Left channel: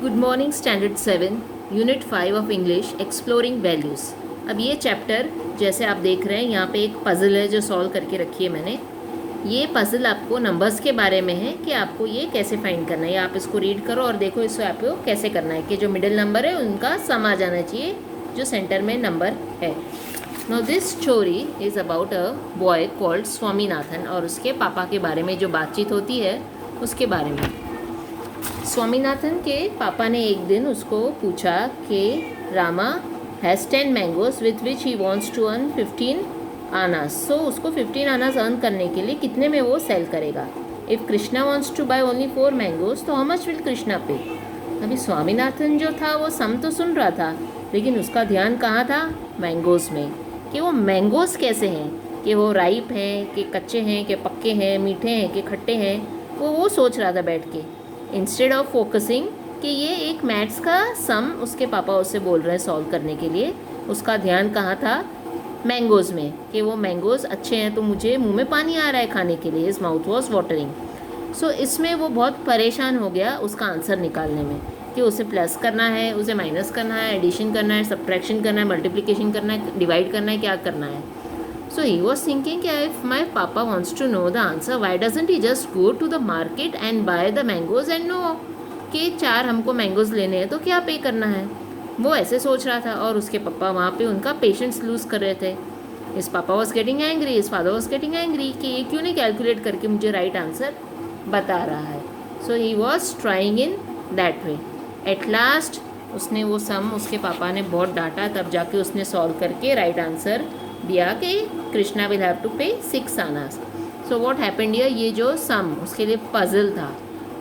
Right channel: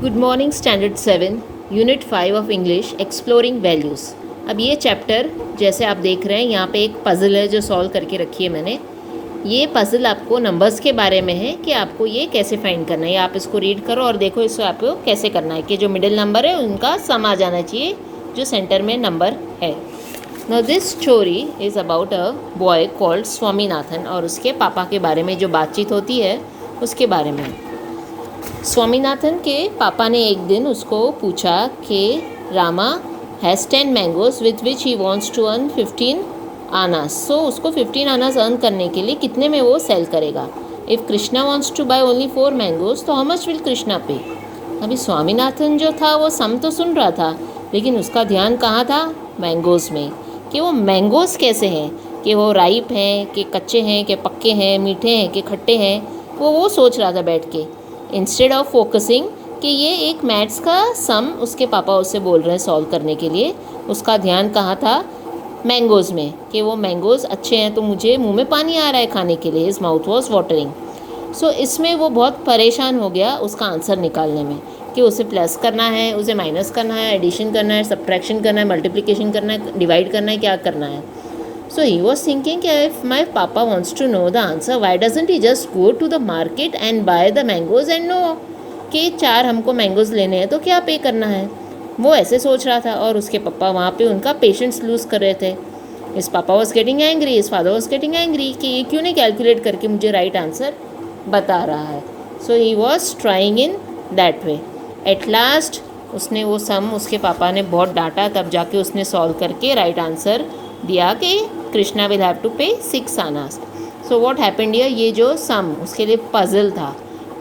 Good morning standard 7 unit 5 of English exploring values. अब ये chapter जैसे आप देख रहे हैं यहाँ पे एक पज़ल है जो सॉल्व करके रखी है मैंने। ये पज़ल आपको नंबर्स के बारे में है कि आपको ये कैसे फाइंड करना है। आप इसको रीड करो और देखो इसको आपको कैसे करना है कि जो मिडिल नंबर है उनका सम आ जाना चाहिए जो सेंटर में नंबर है। Now this story is about a boy called Swaminathan और उसके पापा के बारे में जो बातचीत होती है उसके बारे में। स्वामीनाथन के पापा ने एक दिन उसको पूछा कि Rama has 10 mangoes with which he wants to earn 15 annas. So उसको 15 आनास अर्न करने के लिए कितने में वो सेल करेगा। If Krishna wants to buy only 4 mangoes तो how much will Krishna pay. अभी स्वामीनाथन जो था वो सम तो सुन रहा था लेकिन उसका ध्यान कहाँ था, मैंगोज़ में, कि वो मैंगोज़ कैसे हैं, कि वो राइप हैं कि कच्चे हैं कि पक्के हैं, मीठे हैं कि खट्टे हैं। वो सोच रहा था बैठ के, इंस्टेड ऑफ फोकसिंग कि ये एक मैथ्स का सम उसके पापा उससे बोल रहे हैं सॉल्व करने के लिए। उसका ध्यान कहाँ था, मैंगोज़ में, कि वो मैंगोज़ अच्छे हैं तो मुझे मुंह में पानी आ रहा है खाने के लिए। His mouth was watering. So इसमें वो बहुत परेशान हो गया उसका आंसर निकालने में कि उसे प्लस करना है, उसे माइनस करना है, एडिशन करना है, सब्ट्रैक्शन करना है, मल्टीप्लिकेशन करना है, डिवाइड करना है, क्या करना है। So he was thinking if my papa wants to know the answer, why doesn't he just go to the market and buy the mangoes and know कि 4 हमको मैंगोज़ लेने हैं तो क्या पे करना है। वो ऐसे सोच रहा था और उसके पापा वहाँ पे उनका पेशेंस लूज़ कर रहे थे। इस पापा वॉज गेटिंग एंग्री, इस फादर वॉज गेटिंग एंग्री कि ये क्यों नहीं कैलकुलेट करके मुझे राइट आंसर बता रहा है। So he was trying in that way. At last उसने वो सम उसके पापा ने बहुत डांटा, तब जाके उसने सॉल्व करके राइट आंसर दिया कि कृष्णा विल हैव टू पे 6 Anas. So what happened here, ये जो सम उसके लिए पजल था।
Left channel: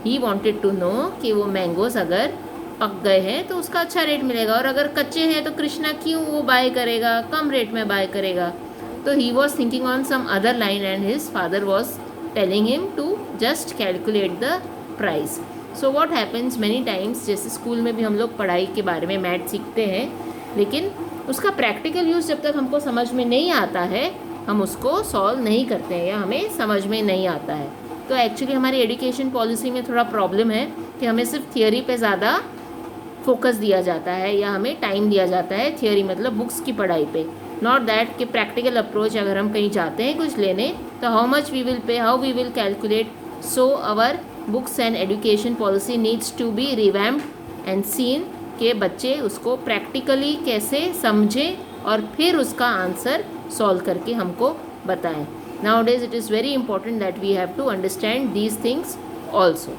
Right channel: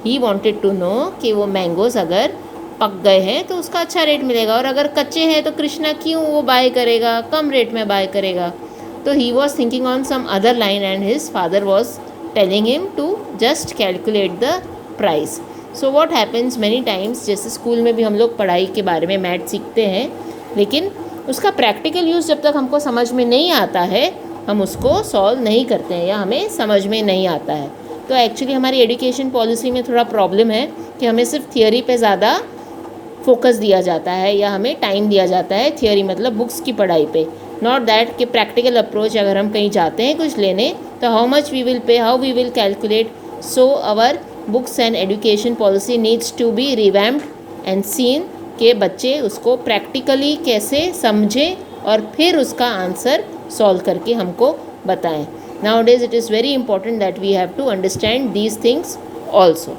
ही वांटेड टू नो कि वो मैंगोज़ अगर पक गए हैं तो उसका अच्छा रेट मिलेगा और अगर कच्चे हैं तो कृष्णा क्यों वो बाय करेगा, कम रेट में बाय करेगा। तो he was thinking on some other line and his father was telling him to just calculate the price. So what happens many times, जैसे स्कूल में भी हम लोग पढ़ाई के बारे में मैथ सीखते हैं लेकिन उसका प्रैक्टिकल यूज़ जब तक हमको समझ में नहीं आता है हम उसको सॉल्व नहीं करते हैं या हमें समझ में नहीं आता है। तो एक्चुअली हमारी एजुकेशन पॉलिसी में थोड़ा प्रॉब्लम है कि हमें सिर्फ थियोरी पे ज़्यादा फोकस दिया जाता है या हमें टाइम दिया जाता है, थियोरी मतलब बुक्स की पढ़ाई पे, नॉट दैट कि प्रैक्टिकल अप्रोच अगर हम कहीं जाते हैं कुछ लेने तो how much we will pay, how we will calculate. So our books and education policy needs to be revamped and seen कि बच्चे उसको प्रैक्टिकली कैसे समझें और फिर उसका आंसर सॉल्व करके हमको बताएं। Nowadays it is very important that we have to understand these things also.